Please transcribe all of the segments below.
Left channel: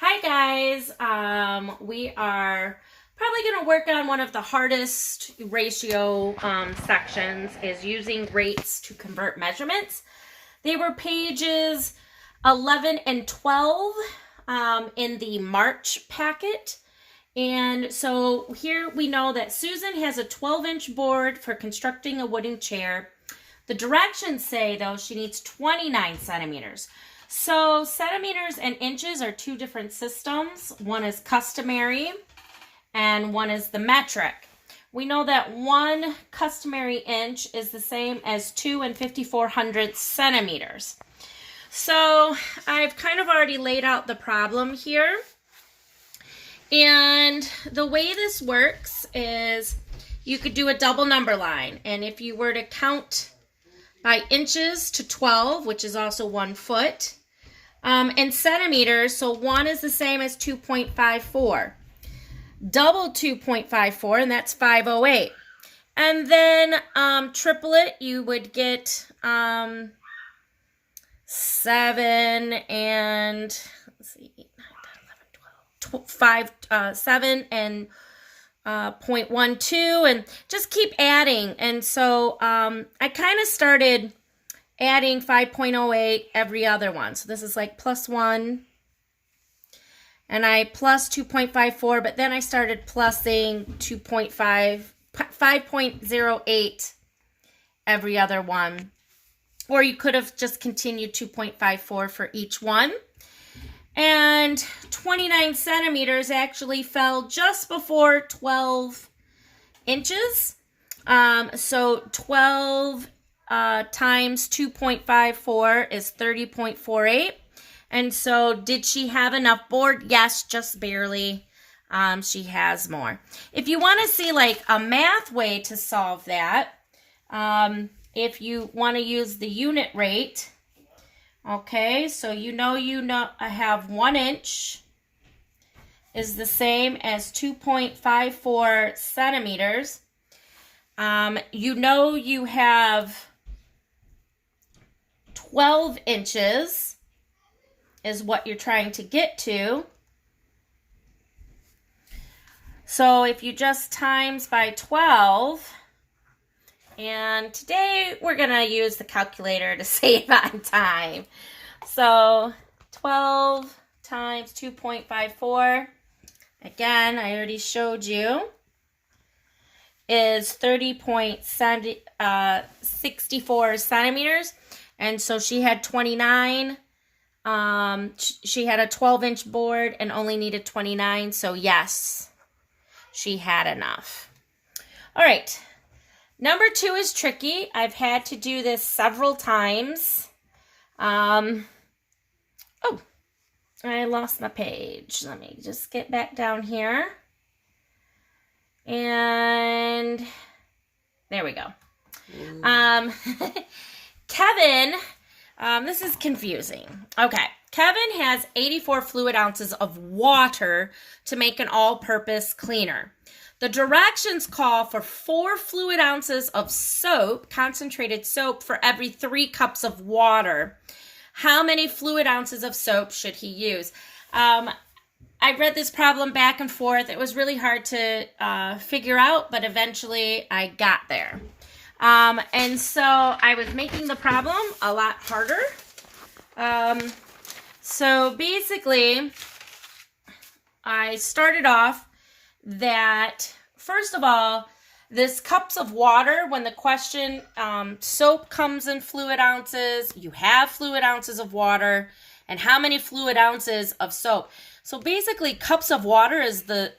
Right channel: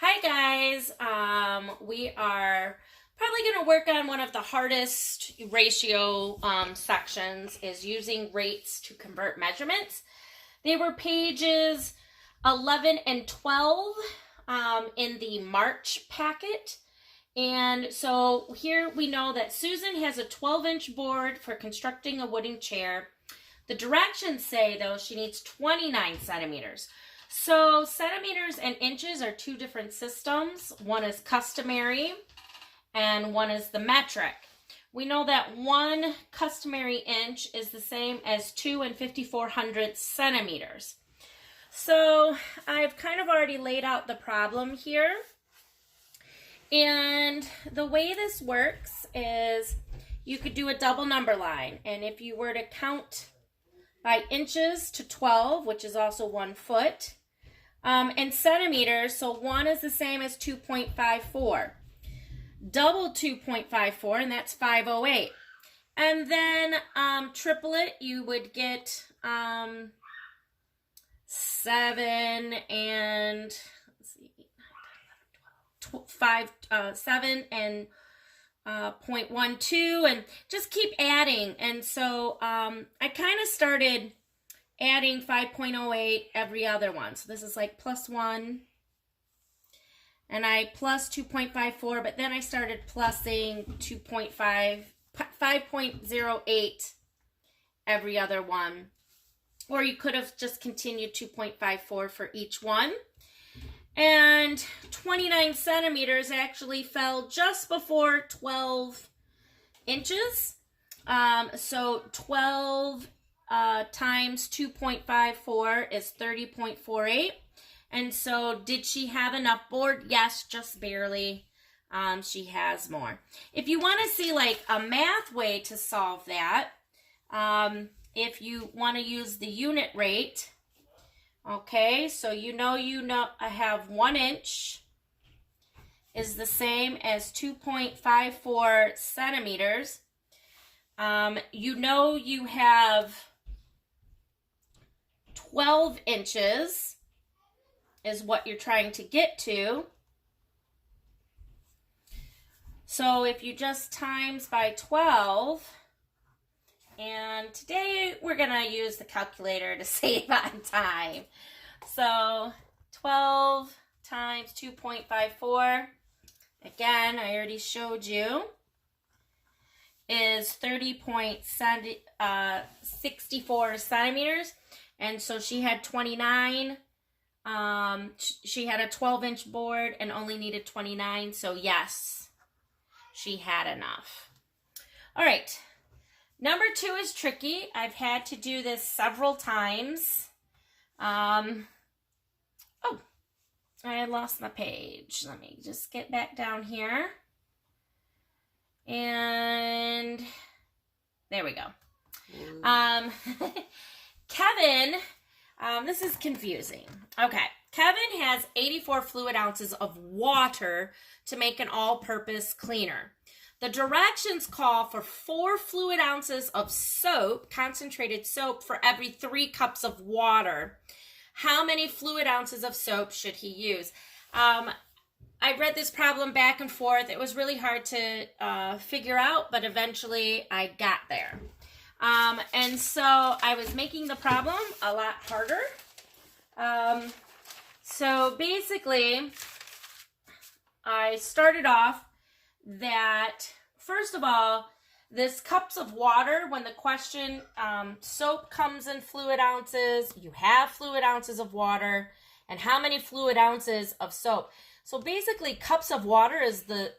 Hi guys, we are probably going to work on one of the hardest ratio sections is using rates to convert measurements. They were pages 11 and 12 in the March packet. And so here we know that Susan has a 12-inch board for constructing a wooden chair. The directions say, though, she needs 29 centimeters. So centimeters and inches are two different systems. One is customary and one is the metric. We know that 1 customary inch is the same as 2 5400 centimeters. So I've kind of already laid out the problem here. And the way this works is you could do a double number line. And if you were to count by inches to 12, which is also 1 foot, and centimeters, so 1 is the same as 2.54. Double 2.54, and that's 508. And then triple it, you would get 7 and, let's see, 8, 9, 10, 11, 12, 7 and 0.12, and just keep adding. And so I kind of started adding 5.08 every other one. So this is like plus 1, and I plus 2.54, but then I started plussing 5.08 every other one. Or you could have just continued 2.54 for each one. And 29 centimeters actually fell just before 12 inches. So 12 times 2.54 is 30.48. And so did she have enough board? Yes, just barely. She has more. If you want to see like a math way to solve that, if you want to use the unit rate, okay, so you know I have 1 inch is the same as 2.54 centimeters. You have 12 inches is what you're trying to get to. So if you just times by 12, and today we're going to use the calculator to save on time. So 12 times 2.54, again, I already showed you, is 30.64 centimeters. And so she had 29. She had a 12-inch board and only needed 29. So yes, she had enough. All right. Number 2 is tricky. I've had to do this several times. Oh, I lost my page. Let me just get back down here. And there we go. Kevin, this is confusing. Okay, Kevin has 84 fluid ounces of water to make an all-purpose cleaner. The directions call for 4 fluid ounces of soap, concentrated soap, for every 3 cups of water. How many fluid ounces of soap should he use? I read this problem back and forth. It was really hard to figure out, but eventually I got there. And so I was making the problem a lot harder. So basically, I started off that, first of all, this cups of water, when the question, soap comes in fluid ounces, you have fluid ounces of water, and how many fluid ounces of soap. So basically, cups of water is the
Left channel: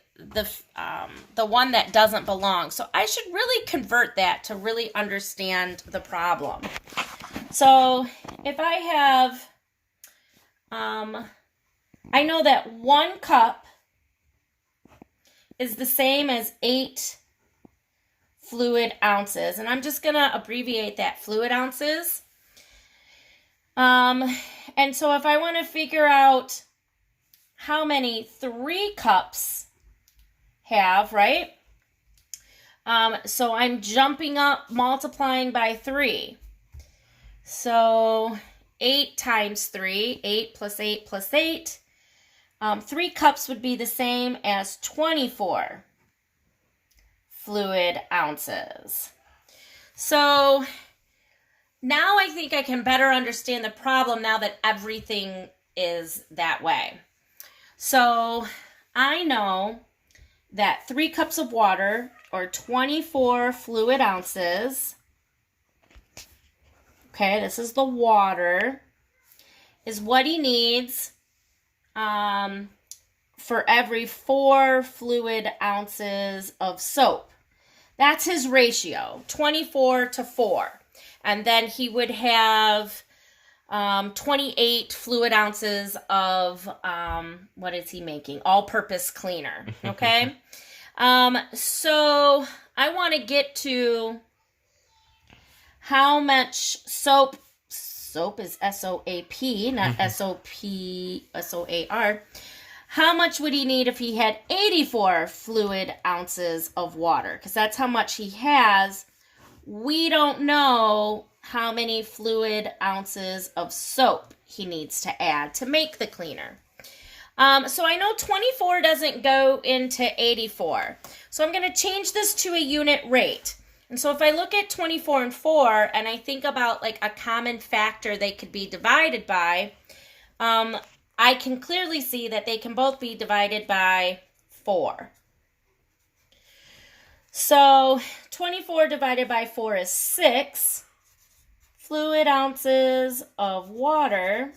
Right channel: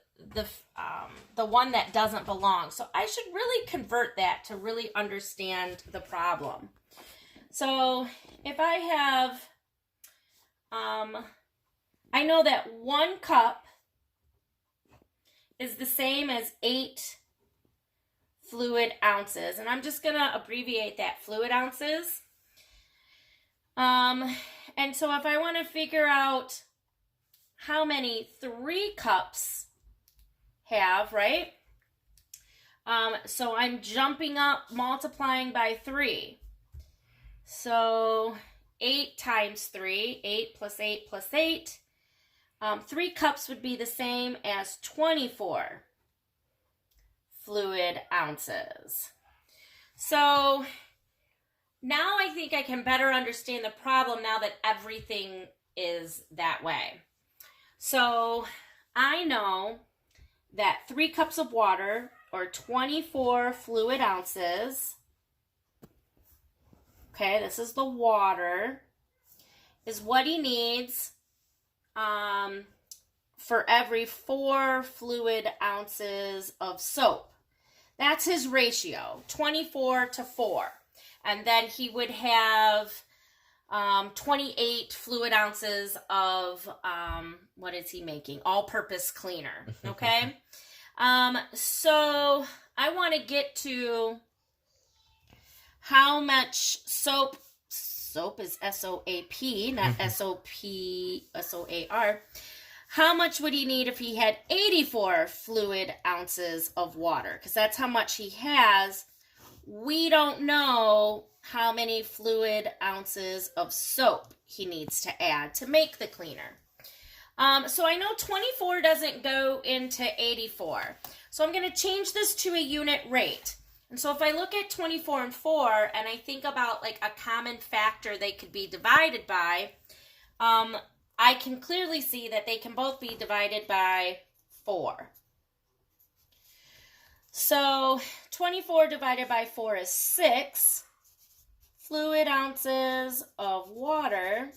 one that doesn't belong. So I should really convert that to really understand the problem. So if I have, I know that 1 cup is the same as 8 fluid ounces. And I'm just going to abbreviate that, fluid ounces. And so if I want to figure out how many 3 cups have, right? So I'm jumping up, multiplying by 3. So 8 times 3, 8 plus 8 plus 8. 3 cups would be the same as 24 fluid ounces. So now I think I can better understand the problem now that everything is that way. So I know that 3 cups of water, or 24 fluid ounces, okay, this is the water, is what he needs for every 4 fluid ounces of soap. That's his ratio, 24 to 4. And then he would have 28 fluid ounces of, what is he making? All-purpose cleaner, okay? So I want to get to how much soap is S-O-A-P, not S-O-P-S-O-A-R. How much would he need if he had 84 fluid ounces of water? Because that's how much he has. We don't know how many fluid ounces of soap he needs to add to make the cleaner. So I know 24 doesn't go into 84. So I'm going to change this to a unit rate. And so if I look at 24 and 4, and I think about like a common factor they could be divided by, I can clearly see that they can both be divided by 4. So 24 divided by 4 is 6 fluid ounces of water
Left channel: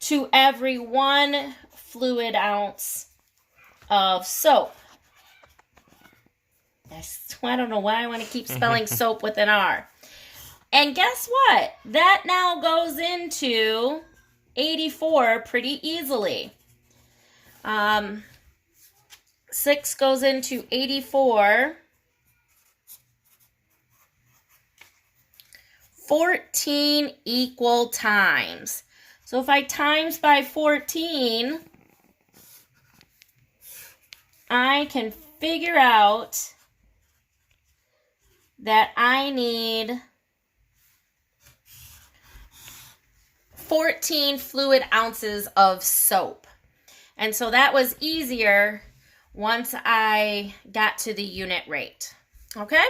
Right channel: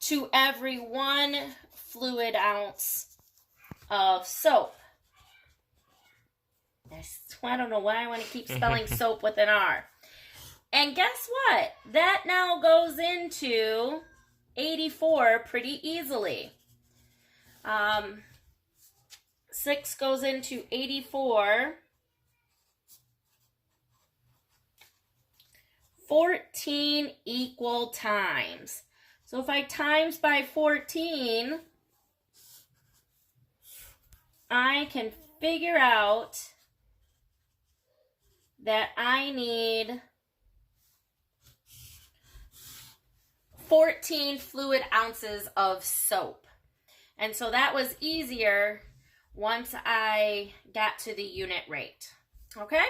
to every 1 fluid ounce of soap. I don't know why I want to keep spelling soap with an R. And guess what? That now goes into 84 pretty easily. 6 goes into 84. 14 equal times. So if I times by 14, I can figure out that I need 14 fluid ounces of soap. And so that was easier once I got to the unit rate. Okay?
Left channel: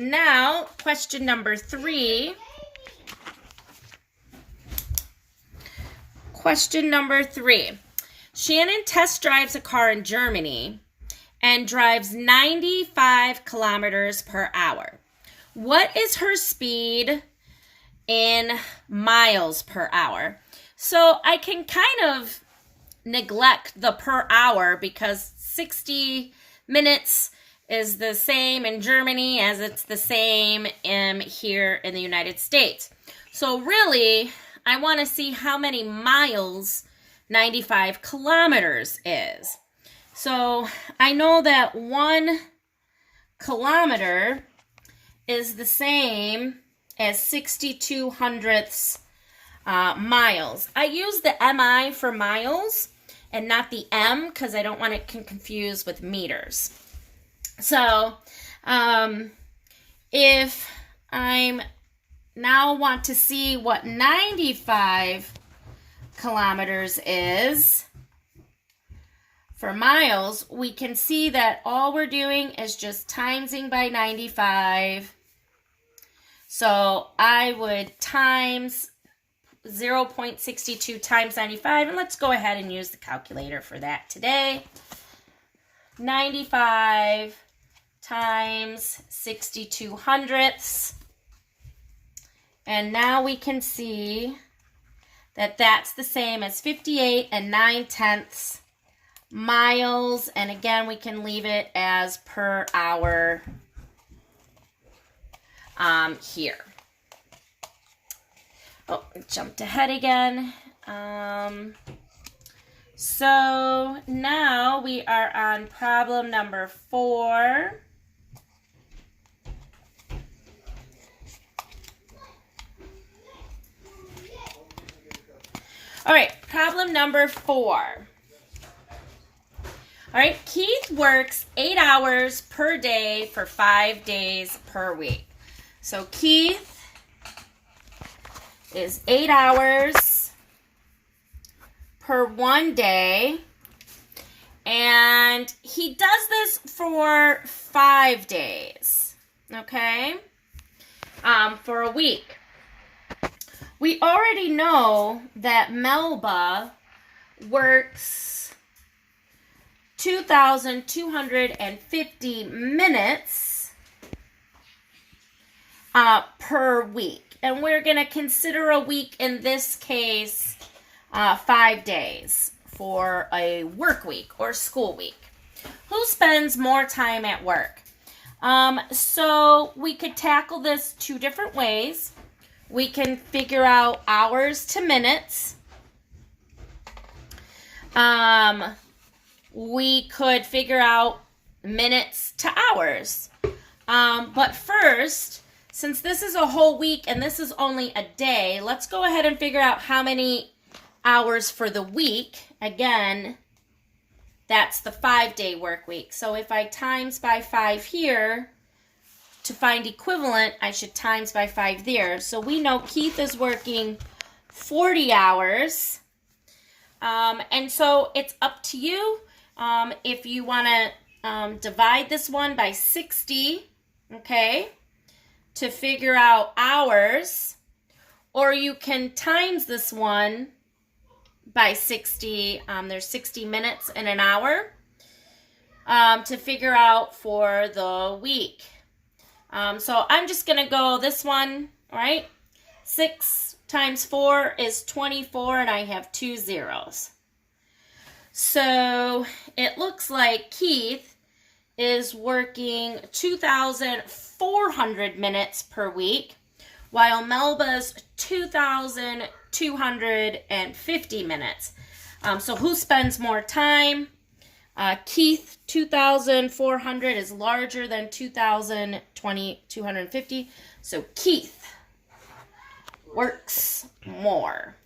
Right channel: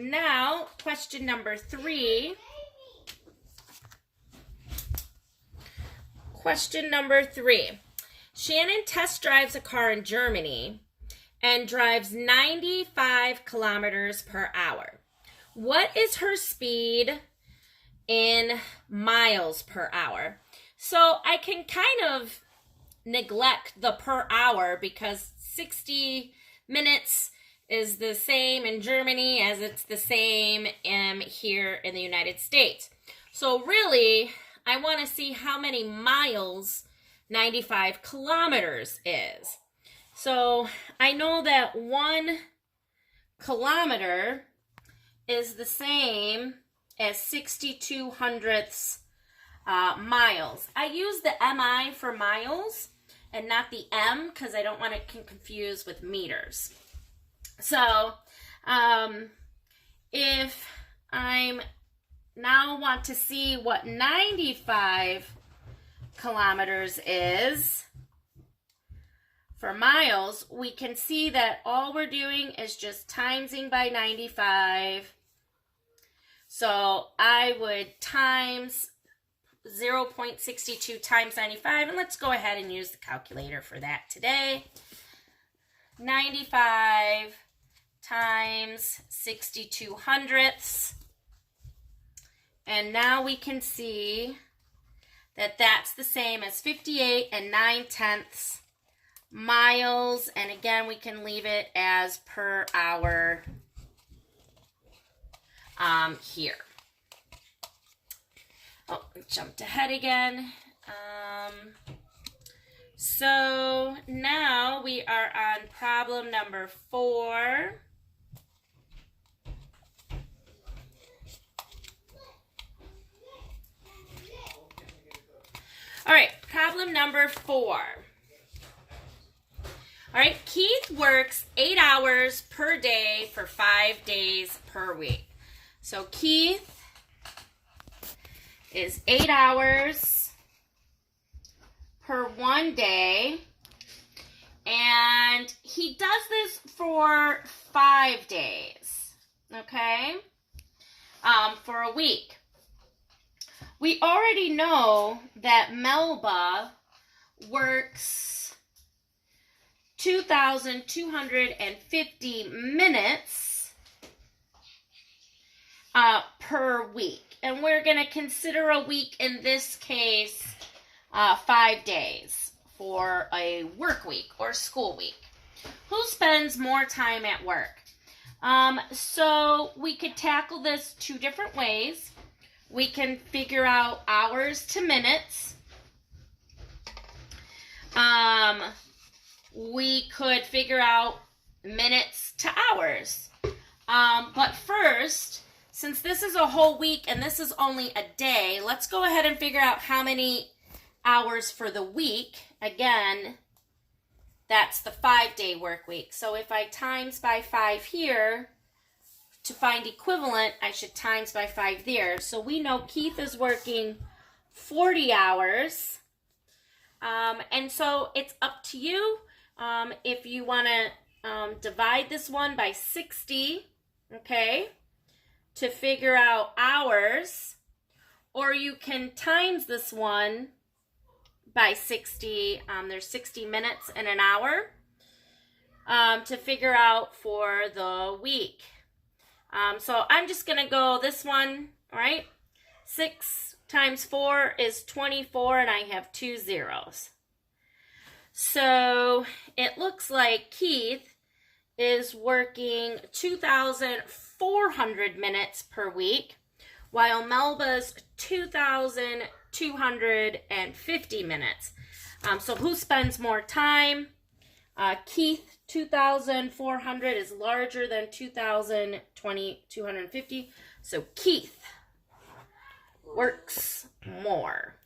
Now, question number 3. Question number 3. Shannon test drives a car in Germany and drives 95 kilometers per hour. What is her speed in miles per hour? So I can kind of neglect the per hour because 60 minutes is the same in Germany as it's the same here in the United States. So really, I want to see how many miles 95 kilometers is. So I know that 1 kilometer is the same as 62 hundredths miles. I use the MI for miles and not the M because I don't want it confused with meters. So if I'm now want to see what 95 kilometers is for miles, we can see that all we're doing is just timesing by 95. So I would times 0.62 times 95, and let's go ahead and use the calculator for that today. 95 times 62 hundredths. And now we can see that that's the same as 58 and 9/10 miles. And again, we can leave it as per hour here. Oh, I jumped ahead again. So now we are on problem number 4. All right, problem number 4. All right, Keith works 8 hours per day for 5 days per week. So Keith is 8 hours 1 day. And he does this for 5 days, okay, for a week. We already know that Melba works 2,250 minutes per week. And we're going to consider a week in this case 5 days for a work week or school week. Who spends more time at work? So we could tackle this 2 different ways. We can figure out hours to minutes. We could figure out minutes to hours. But first, since this is a whole week and this is only a day, let's go ahead and figure out how many hours for the week. Again, that's the 5-day work week. So if I times by 5 here, to find equivalent, I should times by 5 there. So we know Keith is working 40 hours. And so it's up to you if you want to divide this one by 60, okay, to figure out hours. Or you can times this one by 60. There's 60 minutes in an hour to figure out for the week. So I'm just going to go this one, all right? 6 times 4 is 24, and I have 2 zeros. So it looks like Keith is working 2,400 minutes per week, while Melba's 2,250 minutes. So who spends more time? Keith, 2,400 is larger than 2,250. So Keith works more.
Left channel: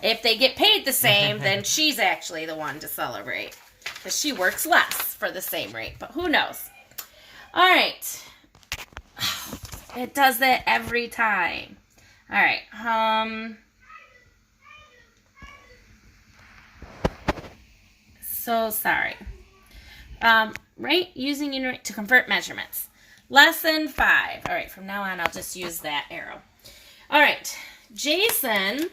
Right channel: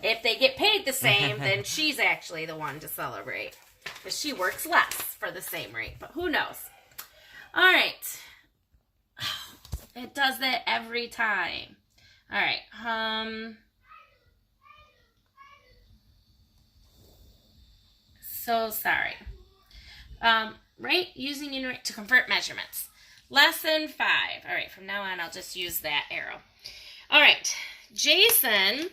If they get paid the same, then she's actually the one to celebrate, because she works less for the same rate. But who knows? All right. It does that every time. All right. So sorry. Right? Using unit to convert measurements. Lesson 5. All right. From now on, I'll just use that arrow. All right. Jason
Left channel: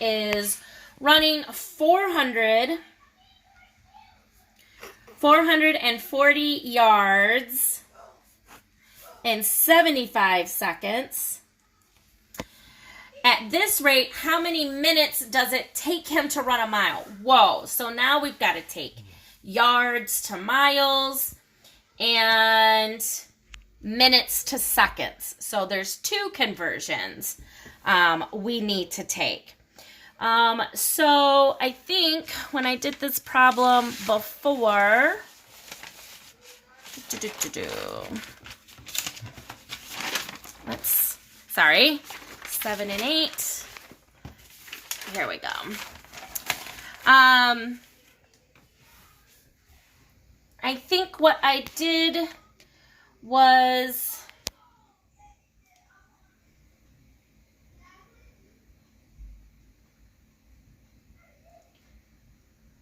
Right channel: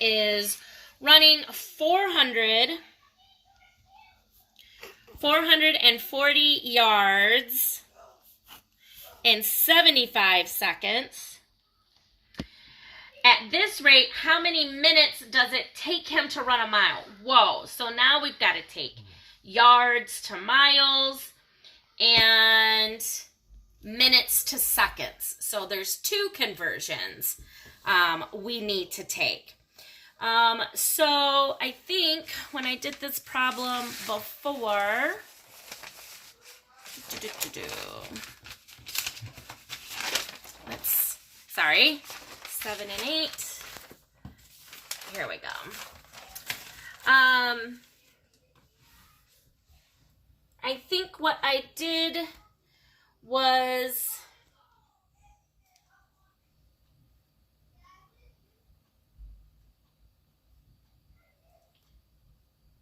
is running 440 yards in 75 seconds. At this rate, how many minutes does it take him to run a mile? Whoa. So now we've got to take yards to miles and minutes to seconds. So there's 2 conversions we need to take. So I think when I did this problem before, sorry, 7 and 8. Here we go. I think what I did was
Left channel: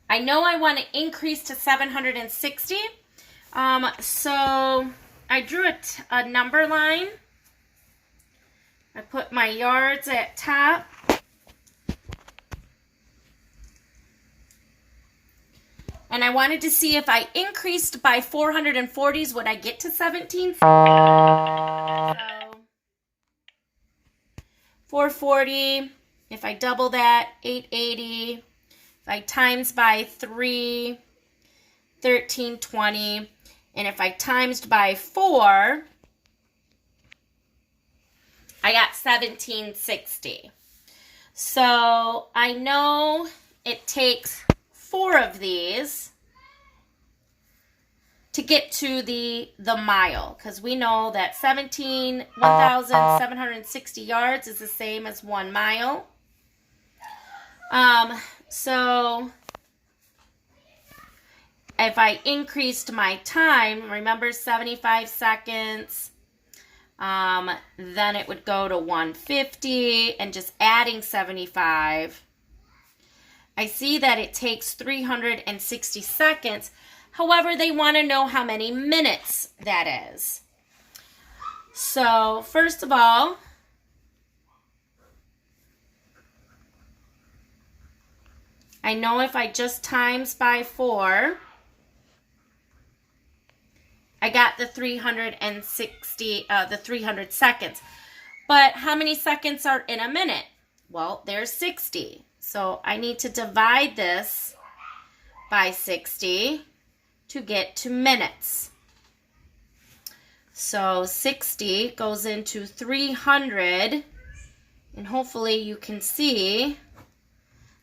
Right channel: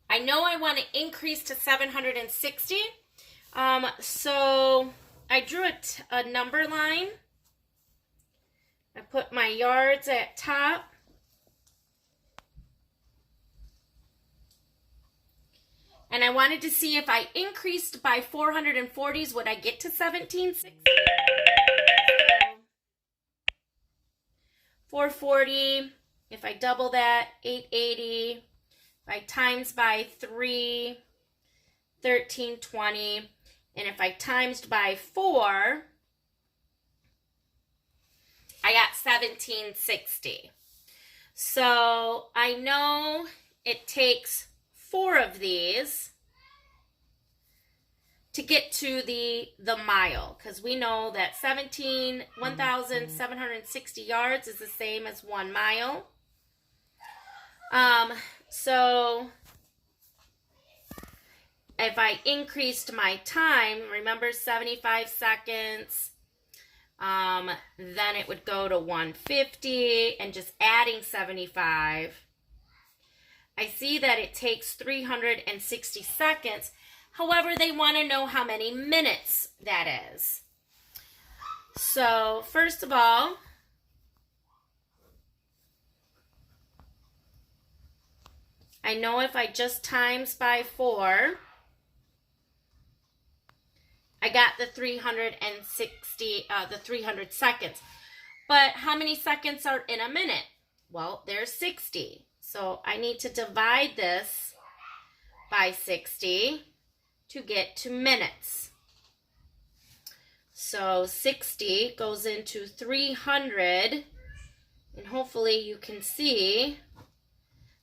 I know I want to increase to 760. So I drew a number line. I put my yards at top. And I wanted to see if I increased by 440s, would I get to 17? 440, if I double that, 880. If I times by 3, 1320. And if I times by 4, I got 1760. So I know it takes 4 of these to get to the mile, because we know that 1,760 yards is the same as 1 mile. So if I increased my time, remember 75 seconds Then it would go to 150 and just adding 75. I see that it takes 360 seconds. However, they want to know how many minutes that is. So, first of all, I know if I just times by 4, I got the 300 seconds. But how many seconds are in a minute? Well, there's 60. So I need to divide this by 60 to get to minutes. So 60 goes into 300, and hopefully you can see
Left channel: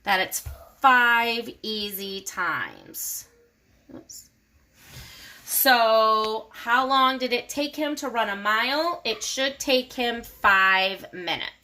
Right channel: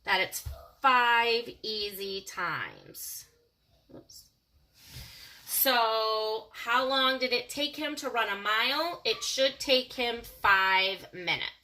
that it's 5 easy times. Oops. So how long did it take him to run a mile? It should take him 5 minutes.